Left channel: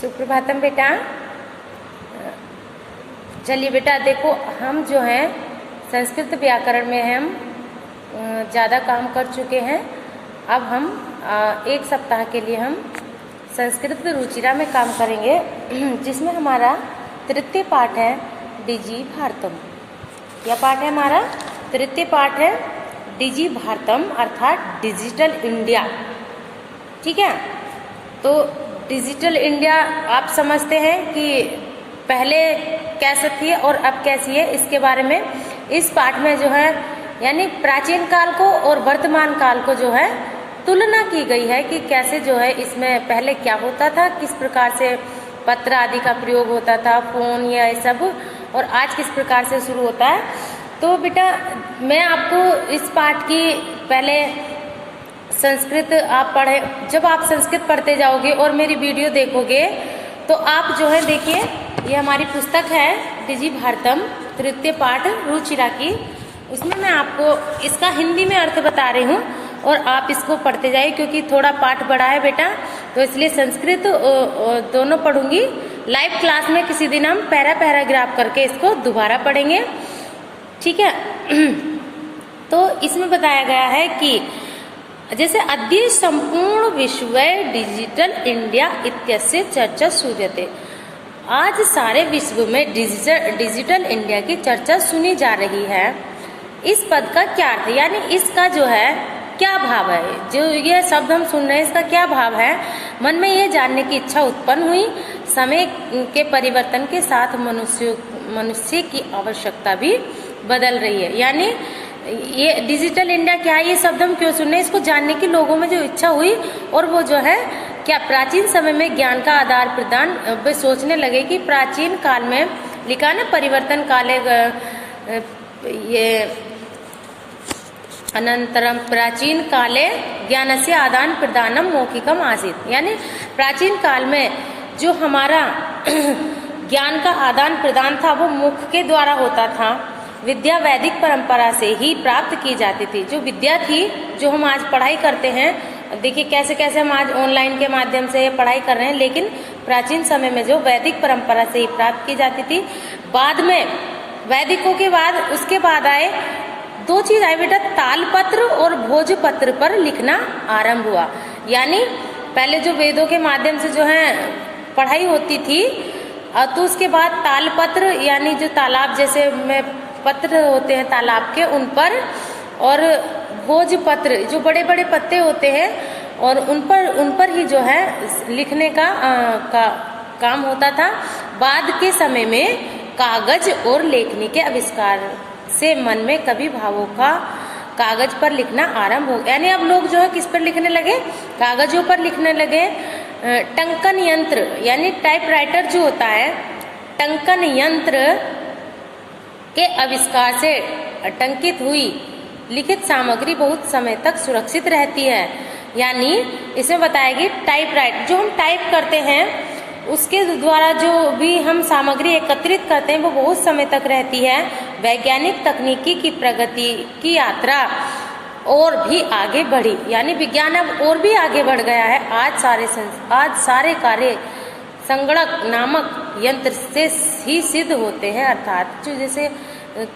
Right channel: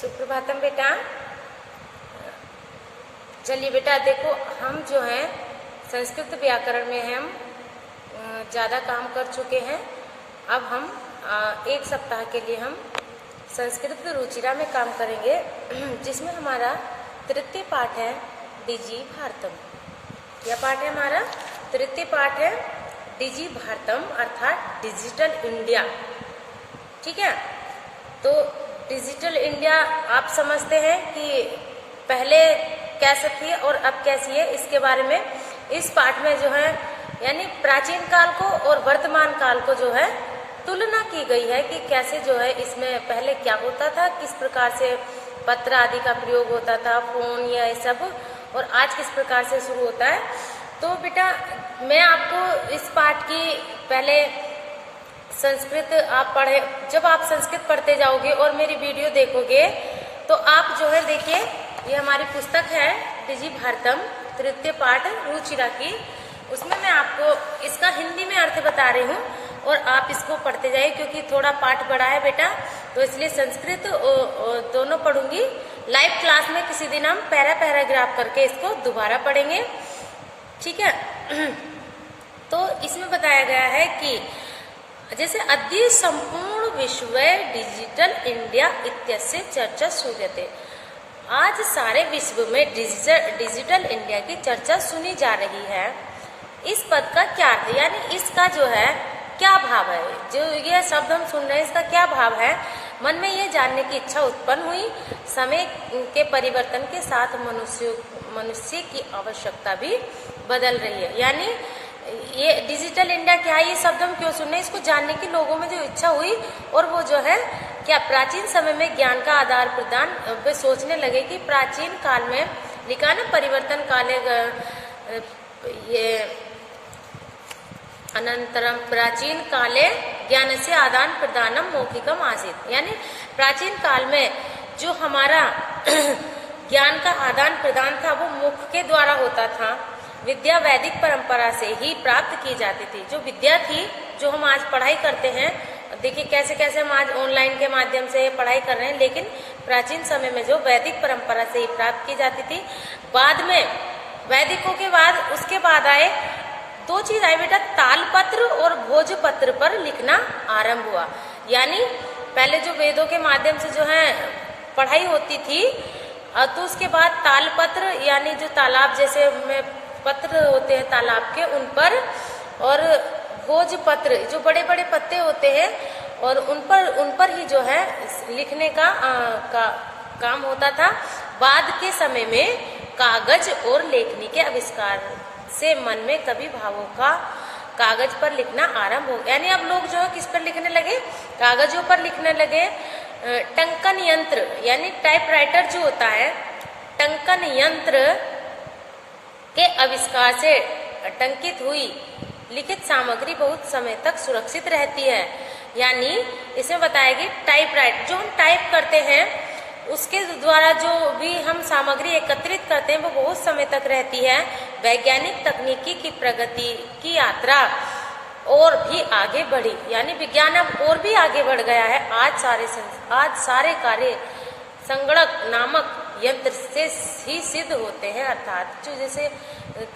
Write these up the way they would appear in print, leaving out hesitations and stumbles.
सुप्रभातम बेटा। चलिए बेटा देखो, हम जो हैं संस्कृत व्याकरण में हम ज़्यादा काम कर चुके हैं। अब हम एक सप्ताह के लिए हम संस्कृत रुचिरा में काम करेंगे, जिसमें हमारा तृतीय पाठ है डिजी भारतम। यह पाठ है हमारा तृतीय पाठ है डिजी भारतम अर्थात डिजिटल इंडिया। ठीक है, तो डिजिटल इंडिया आप समझते हैं कि पहले कैसे थी और अब कैसी है, इसके बारे में इस पाठ में जो है यानी प्राचीन काल को और वर्तमान काल को जो है तुलना की गई है कि कैसे जो है इसमें पहले क्या होता था, किस प्रकार से पत्र आदि का प्रयोग होता था, फोन या ये सब, और आज किस प्रकार से शुरू होता है। तो बेटा मैं आपको इस पाठ की पहले संस्कृत आप पढ़े, जब आप संस्कृत पढ़ते जाओगे और मेरी वीडियो देखोगे तो आप जो है देखिए, ये हमारी पुस्तक है डिजी भारतम तृतीय पाठ रुचिरा की, उसमें मैं आपको इसका हिंदी में अर्थ बता रही हूँ और आप इसको पढ़ते जाइए, क्योंकि थोड़ा पाठ बड़ा है बेटा, तो इसलिए संस्कृत दोनों पढ़ूंगी। लाइव क्लास में किसी दिन हम पैराग्राफ करके इसको दोबारा पढ़ेंगे, ठीक है। तो इसमें बताया गया है कि जैसे अद्य संपूर्ण विश्व डिजिटल इंडिया इत्यस्य चर्चा सूयते, आज सारे विश्व में डिजिटल इंडिया की चर्चा सुनी जा रही है। इस पद का क्या अर्थ है, यानी इसका जो है क्या भाव है, जो ये शब्द हम सुन रहे हैं इसका क्या भाव है। मन में ये जानने की इच्छा उत्पन्न हुई। समय के परिवर्तन के साथ मनुष्य की आवश्यकता भी बदल रही है। यानी ये डिजिटल इंडिया क्या है, ये शब्द हम क्यों सुन रहे हैं, इसको जानने की लोगों में जो इच्छा हुई, और वो जो है क्या प्राचीन समय में ज्ञान का आदान प्रदान वे सोचने लगे कि प्राचीन काल में लिखा ना परिवर्तन काले ये अनंतरम प्राचीन काले ज्ञान से आदान प्रदानम मौखिकम आसीत, यानी प्राचीन काल में जो हमारा ज्ञान का आदान प्रदान था वो मुख के द्वारा होता था। विद्या वैदिक परंपरा से ही प्राप्त की जाती थी। जो विद्या थी, जो हम आज पढ़ाई करते हैं, देखिए कैसे कैसे हम आज ऑनलाइन के माध्यम से पढ़ाई कर रहे हैं, लेकिन प्राचीन समय में जो वैदिक परंपरा से ही प्राप्त की जाती थी। बाद में वैदिकों के बाद उसके बाद आए दो चीज आई बेटा, तालपत्र और भोजपत्र पर लिखना आरंभ हुआ। यानी पहले जो वेदों के माध्यम से जो है पढ़ाई होती थी, तो उसके बाद तालपत्र यानी जो तालाब जैसे में पत्र होते हैं तालाब के, उन पर, और भोजपत्र जो बड़े बड़े पत्ते होते हैं, और उन पर ही जो है लिखने का काम होता था। बाद के समय में कागज और लेखनी के आविष्कार से मन में कवि भावों का कागज पर लिखना आरंभ हो गया। यानी अब लोग जो है किस पर लिखने लगे, कागजों पर लिखने लगे। टंकन यंत्र यानी टाइपराइटर जो होता है, टंकन यंत्र के आविष्कार से टंकित हुई लिखित सामग्री बहुत समय तक सुरक्षित रहती है। यानी इसमें बताएगी टाइपराइटर, जो हम टाइप करते हैं उसके द्वारा जो भी हम सामग्री एकत्रित करते हैं वो बहुत समय तक रहती है। वैज्ञानिक तकनीकी की प्रगति की यात्रा और भी आगे बढ़ी, यानी विज्ञान अब और भी आगे बढ़ गया है। आज सारे कार्य संगणक नामक यंत्र से ही सिद्ध होते हैं, अर्थात जो जैसे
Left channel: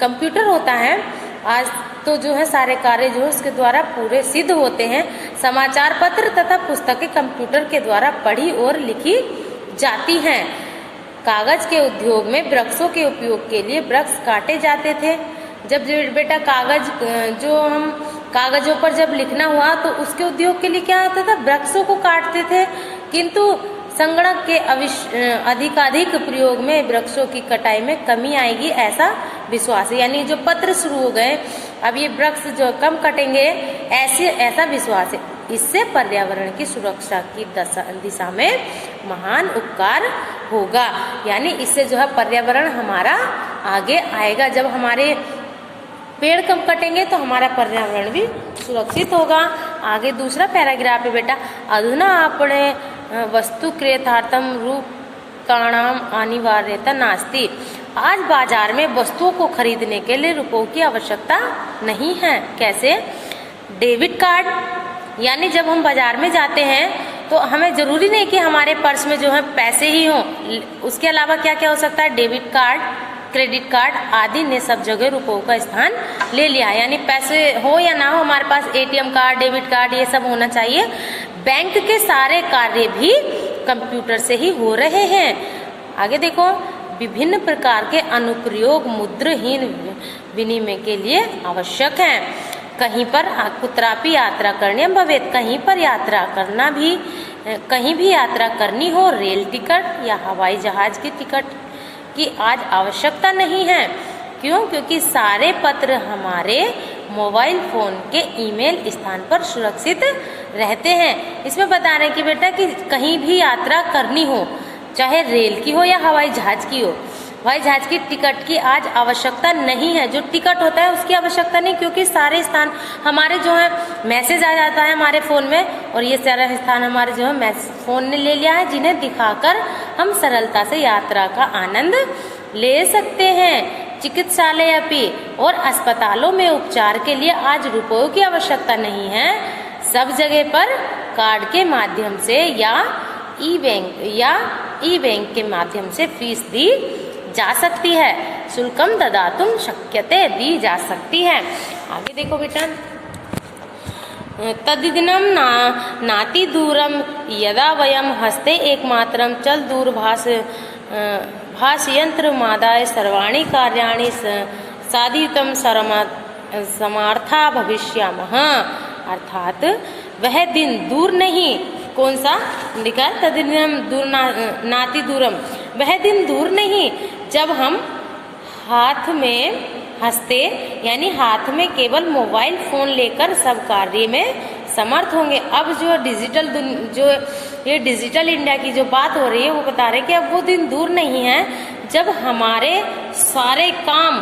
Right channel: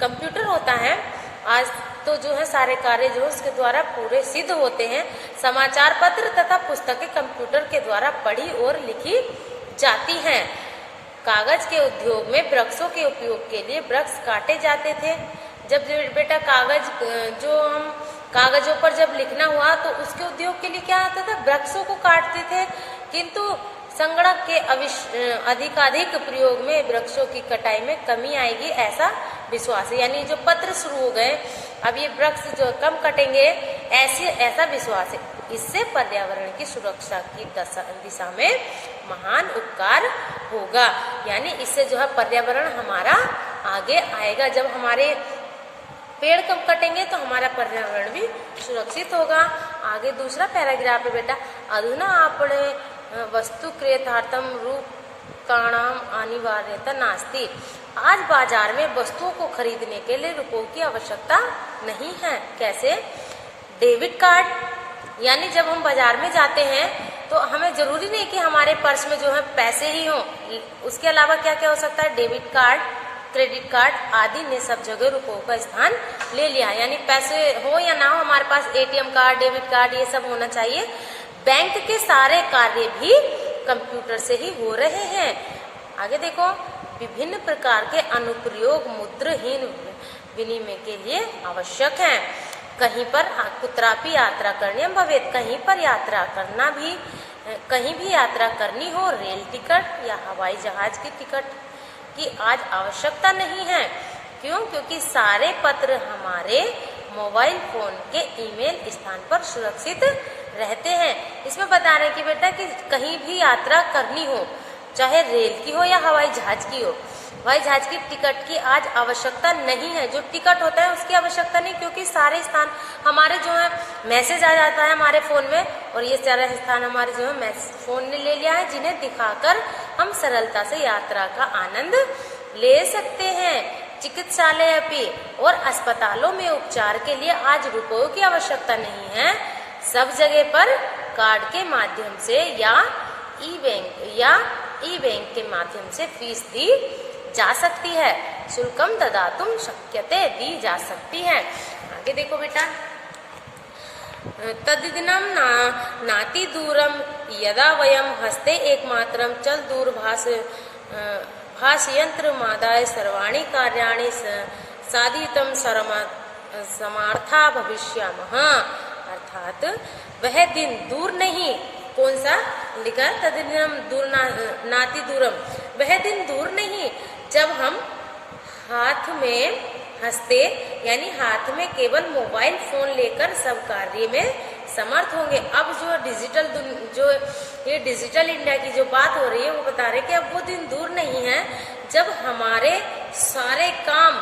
कंप्यूटर होता है, आज तो जो है सारे कार्य जो उसके द्वारा पूरे सिद्ध होते हैं। समाचार पत्र तथा पुस्तकें कंप्यूटर के द्वारा पढ़ी और लिखी जाती हैं। कागज के उद्योग में वृक्षों के उपयोग के लिए वृक्ष काटे जाते थे। जब बेटा कागज जो हम कागजों पर जब लिखना हुआ तो उसके उद्योग के लिए क्या होता था, वृक्षों को काटते थे। किंतु संगणक के अधिकाधिक प्रयोग में वृक्षों की कटाई में कमी आएगी, ऐसा विश्वास है। यानी जो पत्र शुरू हो गए, अब ये वृक्ष जो कम कटेंगे, ऐसा विश्वास है। इससे पर्यावरण की सुरक्षा की दिशा में महान उपकार होगा। यानी इससे जो है पर्यावरण हमारा आगे आएगा। जब हमारे पेड़ कम कटेंगे तो हमारा पर्यावरण भी सुरक्षित होगा। आगे दूसरा पैराग्राफ है बेटा, अधुना आपने वस्तु क्रेतार्थम रूपकाणाम अनिवार्यता नास्ति, आज बाजार में वस्तुओं को खरीदने के लिए रुपयों की आवश्यकता नहीं है। कैसे, डेबिट कार्ड, यानी जब हम बाजार में जाते हैं तो तो हमें जरूरी नहीं कि हमारे पर्स में जो है पैसे ही हों, उसके अलावा क्या क्या हो सकता है, डेबिट कार्ड, क्रेडिट कार्ड आदि ने सब जगह रुपयों का स्थान ले लिया है। यानी पैसे हो या ना हो, हमारे पास एटीएम कार्ड, डेबिट कार्ड ये सब होना चाहिए। बैंक के सारे कार्य भी कंप्यूटर से ही हो रहे हैं। आगे देखो, विभिन्न प्रकार के अनुप्रयोग मुद्राहीन विनिमय के लिए आवश्यक हैं। कहीं पर कुत्रापि यात्रा करने भवेत, कहीं पर यात्रा करना भी, कहीं भी यात्रा करनी हो, रेल टिकट या हवाई जहाज की टिकट की आज आवश्यकता नहीं है। क्यों? क्योंकि सारे पत्र हमारे मोबाइल फोन के ईमेल स्थान पर सुरक्षित रहते हैं। इसमें बता रहे हैं कि बेटा कि कहीं भी यात्रा करनी हो, चाहे रेल की हो या हवाई जहाज की हो, हवाई जहाज की टिकट की आज आवश्यकता नहीं है। जो टिकट होता है उसकी आवश्यकता नहीं, क्योंकि सारे स्थान हमारे जो है मैसेज आ जाता है हमारे फोन में, और ये सारे स्थान हमारे जो है फोन ने ले लिया है, जिन्हें दिखाकर हम सरलता से यात्रा का आनंद ले सकते हैं। चिकित्सालय अपी और अस्पतालों में उपचार के लिए आज रुपयों की आवश्यकता नहीं है। सब जगह पर कार्ड के माध्यम से या ई बैंक के माध्यम से फीस दी जा सकती है। शुल्कम ददातुम शक्यते, दी जा सकती है। आगे देखो बेटा, तद्दिनम नाति दूरम यदा वयम हस्ते एकमात्रम चल दूरभाष भाषयंत्र मादाय सर्वाणि कार्याणि साधितम समार्था भविष्यामः। अर्थात वह दिन दूर नहीं, कौन सा लिखा, तद्दिनम दूर नाति दूरम, वह दिन दूर नहीं जब हम हाथ में हंसते यानी हाथ में केवल मोबाइल फोन लेकर सब कार्य में समर्थ होंगे। अब जो ये डिजिटल इंडिया की जो बात हो रही है वो बता रहे कि अब वो दिन दूर नहीं है जब हमारे सारे काम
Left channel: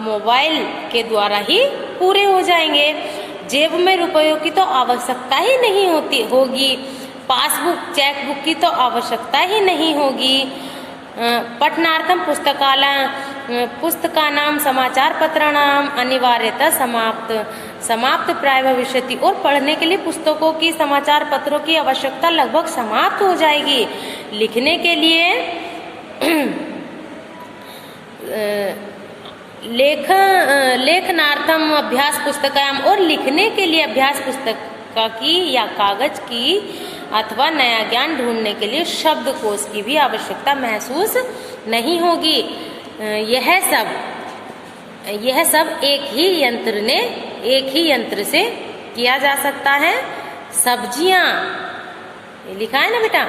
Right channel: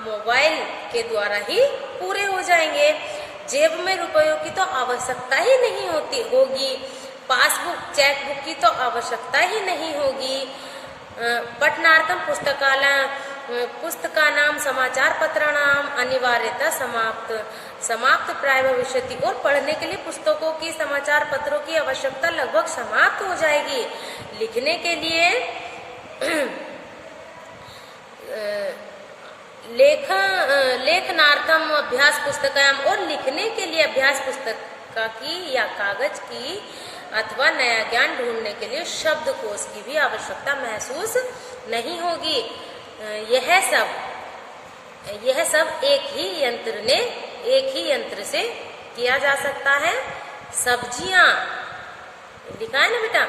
मोबाइल के द्वारा ही पूरे हो जाएंगे। जेब में रुपयों की तो आवश्यकता ही नहीं होगी, पासबुक चेकबुक की तो आवश्यकता ही नहीं होगी। पठनार्थम पुस्तकानाम समाचार पत्राणाम अनिवार्यता समाप्त प्राय भविष्यति, और पढ़ने के लिए पुस्तकों की समाचार पत्रों की आवश्यकता लगभग समाप्त हो जाएगी। लिखने के लिए लेखनार्थम अभ्यास पुस्तकाम, और लिखने के लिए अभ्यास पुस्तक की या कागज की अथवा नया ज्ञान ढूंढने के लिए शब्दकोश की भी आवश्यकता महसूस नहीं होगी। यह सब एक ही यंत्र से किया जा सकता है। सब्जियां, ये लिखा है ना बेटा,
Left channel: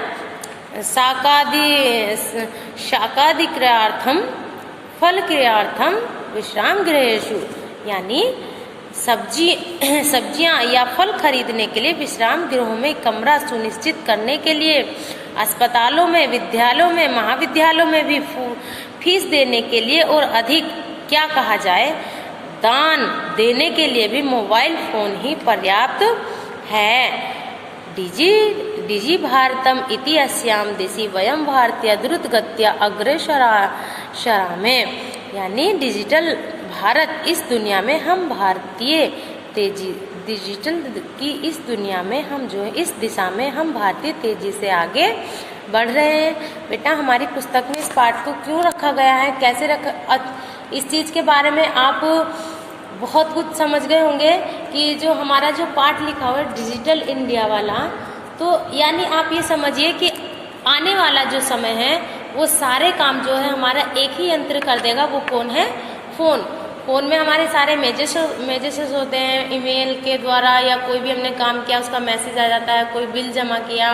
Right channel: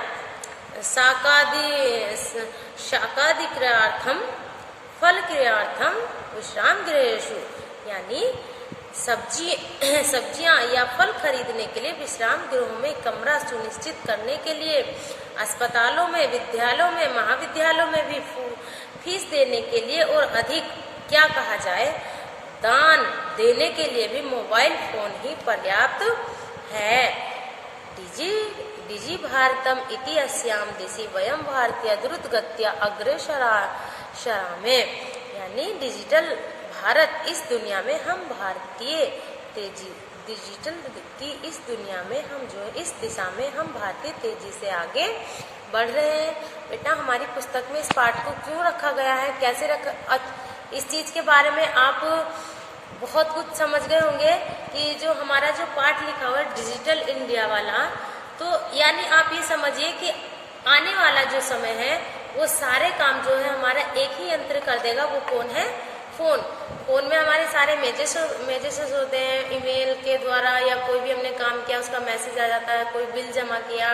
शाकादि क्रियार्थम फल क्रियार्थम विश्राम गृहेषु, यानी सब्जियां या फल खरीदने के लिए विश्राम गृहों में कमरा सुनिश्चित करने के लिए, अस्पतालों में, विद्यालयों में, महाविद्यालयों में भी फीस देने के लिए, और अधिक क्या कहा जाए, दान देने के लिए भी मोबाइल फोन ही पर्याप्त है। डिजी भारतम इति अस्याम देशी वयम भारतीय द्रुत गत्या अग्रेसरामे, यानी डिजिटल भारत इस दुनिया में हम भारतीय डिजिटल की इस दुनिया में हम जो है इस दिशा में हम भारतीय तेजी से आगे बढ़ रहे हैं। बेटा हमारी पुस्तक में इस पाठ को क्यों रखा गया है, कैसे रखा, इस चीज के बारे में आप बहुत कुछ समझ गए होंगे कि जो हमारा जो पाठ लिखा हुआ है डिजिटल इंडिया वाला, तो यानी आप ये समझिए कि आने वाला जो समय है वो सारे काम जो है हमारा एक ही यंत्र कर देगा। वो कौन है? फोन में हमारे सारे मैसेजेस होते हैं ईमेल के द्वारा, या कोई भी हमने काम किया उसका मैसेज आ जाता है, कोई बिल जमा किया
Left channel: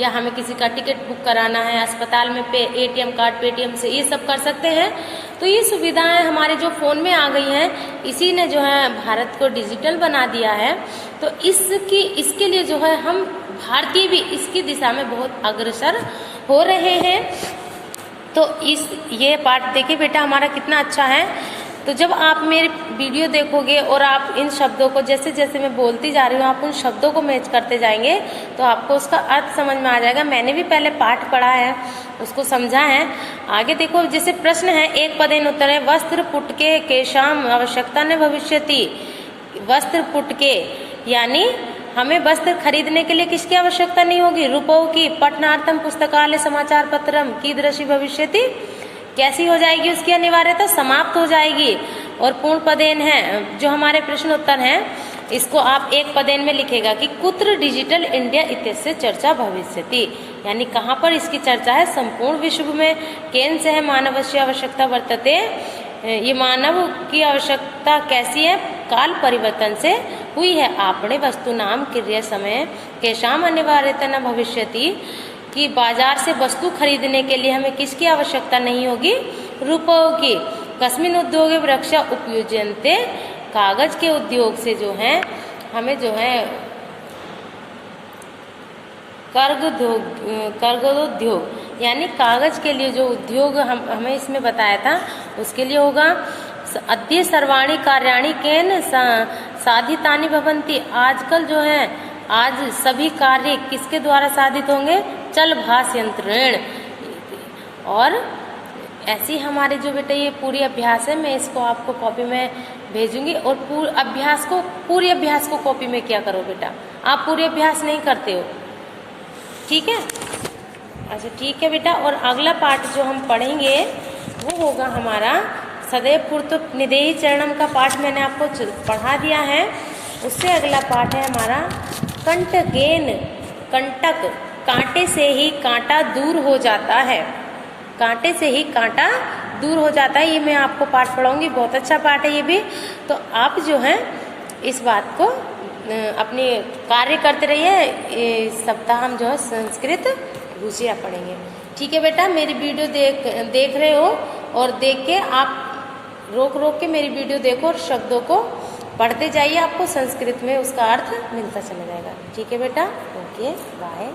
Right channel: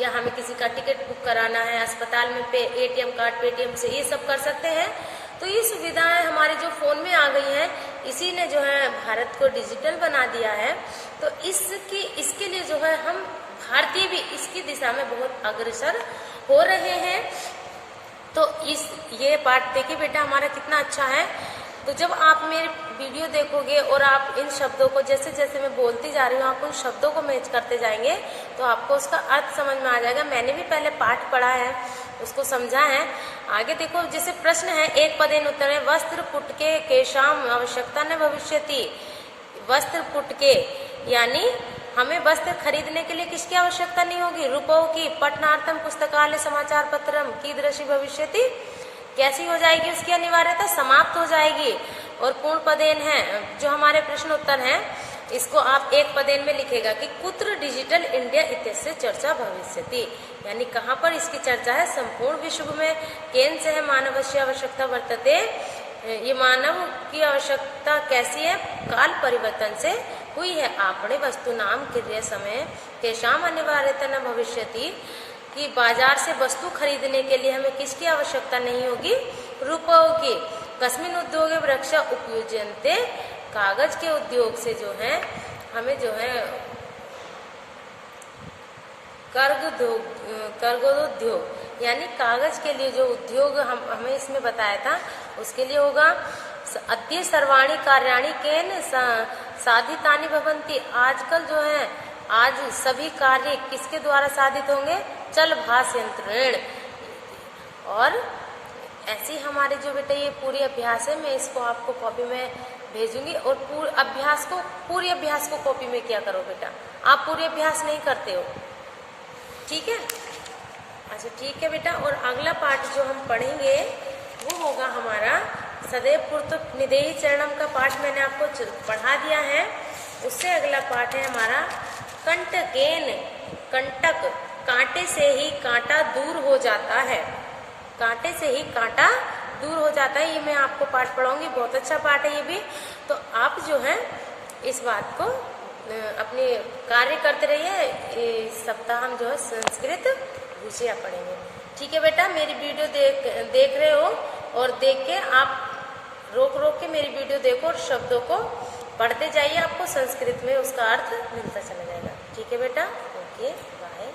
या हमें किसी का टिकट बुक कराना है, अस्पताल में एटीएम कार्ड पेटीएम से ये सब कर सकते हैं। तो ये सुविधाएं हमारे जो फ़ोन में आ गई हैं, इसी ने जो है भारत को डिजिटल बना दिया है। तो इसके लिए जो है हम भारतीय भी इसकी दिशा में बहुत अग्रसर हो रहे हैं। तो ये पाठ देखिए बेटा हमारा कितना अच्छा है। तो जब आप मेरे वीडियो देखोगे और आप इन शब्दों को जैसे जैसे मैं बोलती जा रही हूँ आप उन शब्दों को मैच करते जाएंगे तो आपको उसका अर्थ समझ में आ जाएगा। मैंने भी पहले पाठ पढ़ा है, उसको समझा है। आगे देखो, जैसे प्रश्न है एक पदेन उत्तर है, वस्त्र पुटके केशाम आवश्यकता न भविष्यति। वस्त्र पुटके यानी हमें वस्त्र खरीदने के लिए किसकी आवश्यकता नहीं होगी? रुपयों की। पठनार्थम पुस्तकालय समाचार पत्रम कीदृशी भविष्यति, कैसी हो जाएगी उसकी अनिवार्यता? समाप्त हो जाएगी। और पूर्ण पदेन है, जो हमारे प्रश्न उत्तर हैं, इसको आप एक पदेन में लिखेगा कि कुत्र डिजिटल इंडिया इत्यस्य चर्चा भविष्यति, यानी कहाँ पर इसकी चर्चा है? संपूर्ण विश्व में। केन से है मानवस्य आवश्यकता वर्तते, ये मानव की आवश्यकता कैसी है? काल परिवर्तन से हुई है। आपने वस्तु नाम क्रिया समय केशाम अनिवार्यता न भविष्यति, कि बाजार से वस्तु खरीदने के लिए हमें किसकी आवश्यकता नहीं होगी? रुपयों की। कस्मिन उद्योगे वृक्षा उपयुज्यन्ते, कागज के उद्योग से जो है हमें जो है कर्गोद्योग, यानी कागज के लिए जो उद्योग हमें इसमें बताया था उसके लिए होगा। अद्य सर्वाणी कार्याणि केन साधितानि भवन्ति, आजकल जो है आज सभी कार्य किसके द्वारा साधित होंगे? चल भाष यंत्रेण। और ऐसी हमारे जो बेटा ये पूरी अभ्यास है, मैं इसको आपको कॉपी में भेजूंगी। और पूरी अभ्यास को कॉपी में क्या करो बेटा, आप पूरी अभ्यास नहीं करते हो, ठीक है? अच्छा ठीक है बेटा। और अगला पाठ जो हम पढ़ेंगे वो होगा हमारा सदैव पूर्त निदेही चरणम का पाठ मैंने आपको पढ़ा दिया है। उससे अगला पाठ है हमारा कंटकेन, कंटक, कांटे से ही कांटा दूर हो जाता है। कांटे से ही कांटा दूर हो जाता है, ये मैं आपको पाठ पढ़ाऊंगी। बहुत अच्छा पाठ है ये भी। तो आप जो है इस बात को अपने कार्य करते रहिए। इस सप्ताह हम जो है संस्कृत रुचिया पढ़ेंगे, ठीक है बेटा? मेरी वीडियो देख रहे हो और देख के आप रोक के मेरी वीडियो देखो और शब्दों को पढ़ते जाइए, आपको संस्कृत में उसका अर्थ मिलता चला जाएगा, ठीक है बेटा? Okay, bye.